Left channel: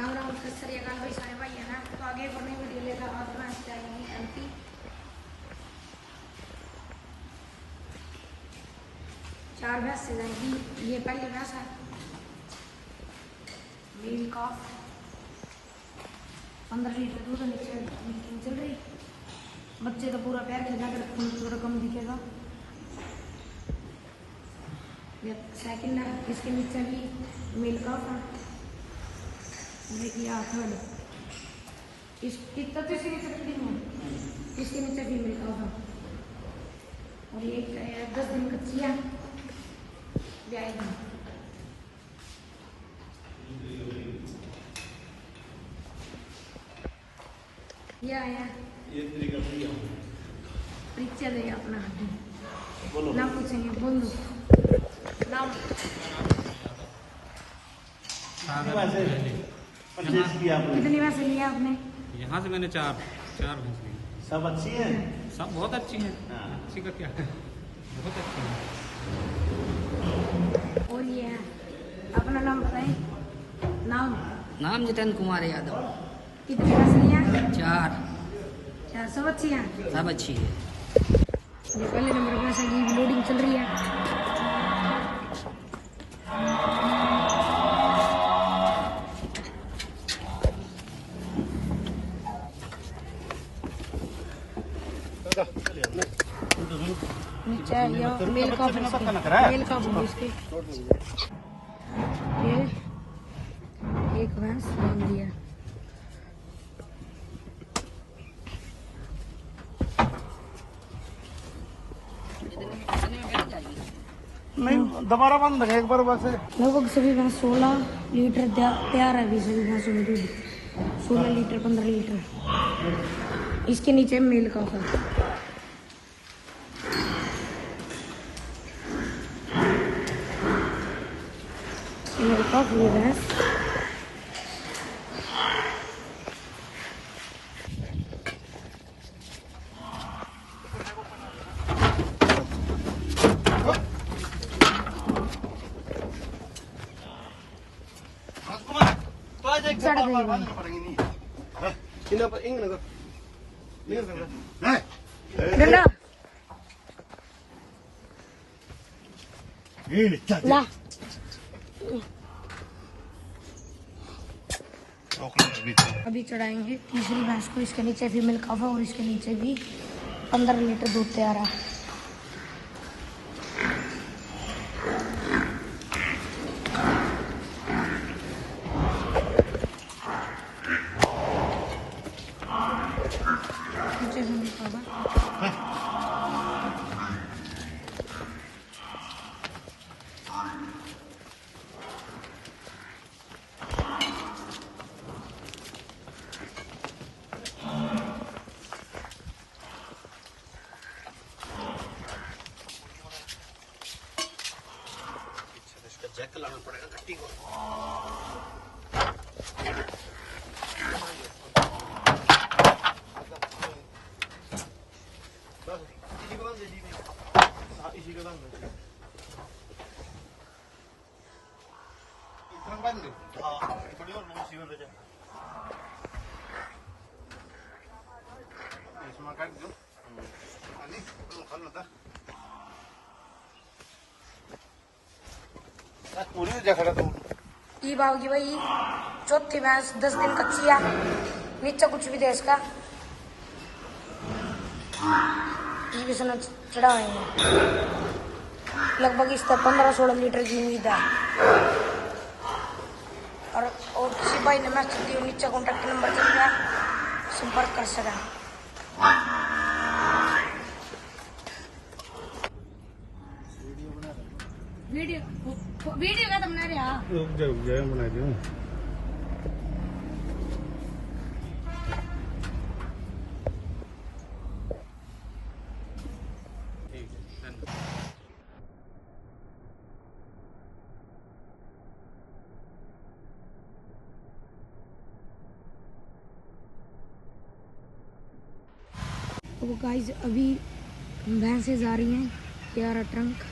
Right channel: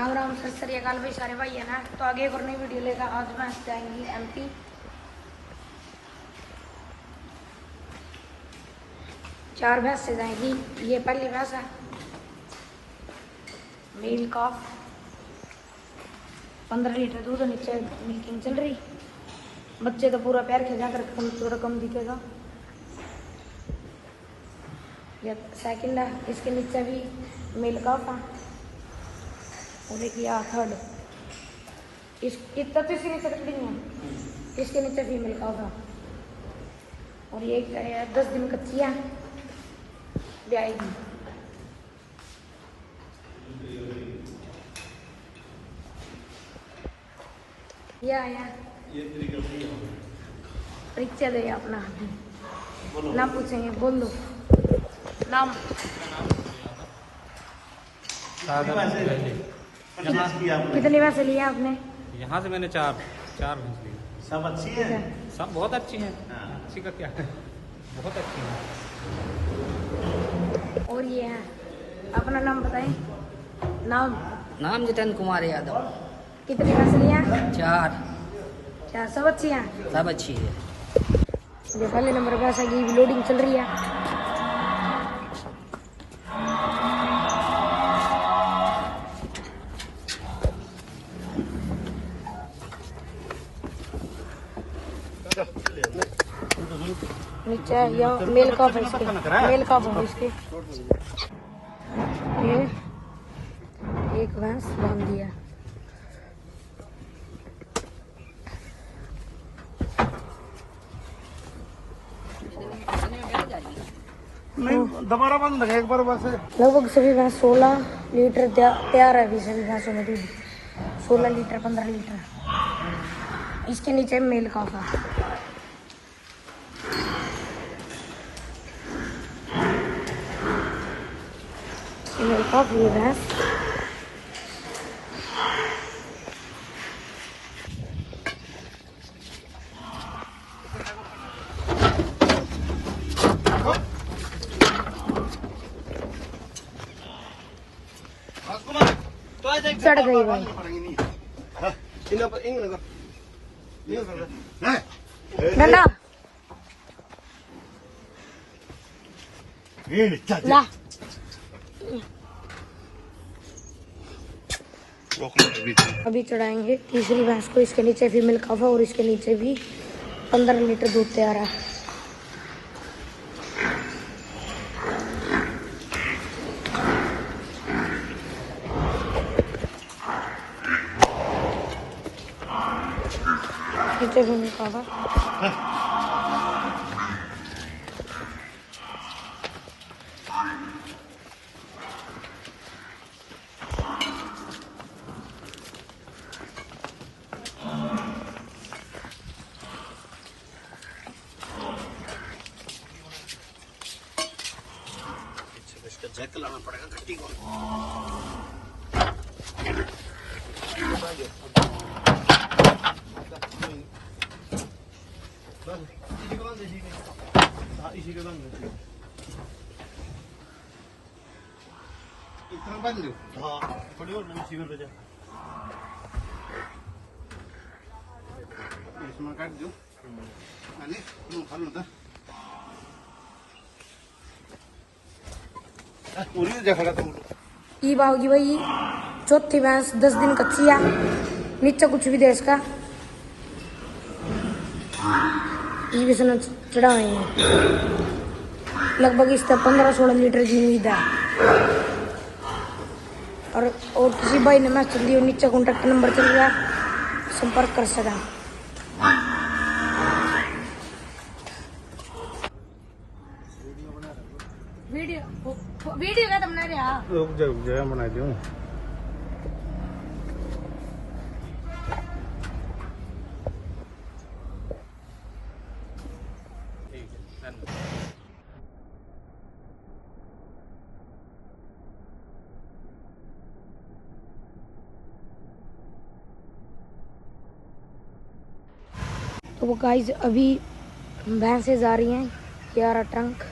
राम राम सत श्री अकाल भाई सारे भाई है ना। तो आगे एक और नई वीडियो लेकर आज भैंस जाएंगी MP। 4 भैंस से जाएंगी। ये पहली भैंस है मेल कॉफ, 15 लीटर दूध नीचे मिल्किंग चल रही। बच्चे तो पूरा पैर खिंचा कर थोड़ा कम दिखेगा। ये सेकंड है, इसके नीचे भी मेल कॉफ है। और देखिए थर्ड, इतना तो इसके नीचे कटनी है, इसके नीचे फीमेल का होगा। और ये 10 दिन कच्ची है, ब्याएगी। ये आया परिचय दे अपना, नाम पूछेंगे, बोल दो नाम। कितनी भैंसे लिया आपने? यहाँ से मैंने चार भैंस ली। सब अच्छी है? सब बहुत अच्छी हैं। अच्छी का क्या है, बहुत अच्छी हैं। और ये है, अपना नाम बताएं। नाम जितेंद्र कुमार यादव। कितनी भैंस लिया? 4 सब अच्छी हैं? सब अच्छी है। ये पहले नंबर भैंस है, ये लोडिंग चल रही है। नीचे यहाँ मेल कॉफ है, इसके मेल कॉफ है इसके। ये एक भैंस बांध दिया। दोबारा बंद एक बार बस। लगभग सभी भैंस 16 लीटर तैयार है अभी सभी भैंसों में दूध। 16 लीटर 15 लीटर। इसके नीचे मेल कॉफ है। मेल कॉफ ये भैंस। चढ़ गई भाई। नन्ना अभी चढ़ाएंगे तीसरी भैंस को। इसके नीचे फीमेल कॉफ है और इसके नीचे भी 15 लीटर दूध तैयार है। नीचे फीमेल कॉफ है। जैक लाना पड़ेगा गट्टी को। थोड़ी और इसमें काट दो। ये बाबूजी भाई चौथी भैंस 10 दिन कच्ची है। नीचे कुछ भी दे इसका, ये भी सुना चढ़ाएंगे। लगभग इसका 15-16 लीटर की उम्मीद है। और किसी भाई ने मैच चल दिया, नीचे कॉन्टेक्ट नंबर चल रहा है, संपर्क कर सकता है। वीडियो का तुमने रुक जाओ बना दूं। तो वो गाइस अभी भैंसें जा रही हैं 11 ट्रंक।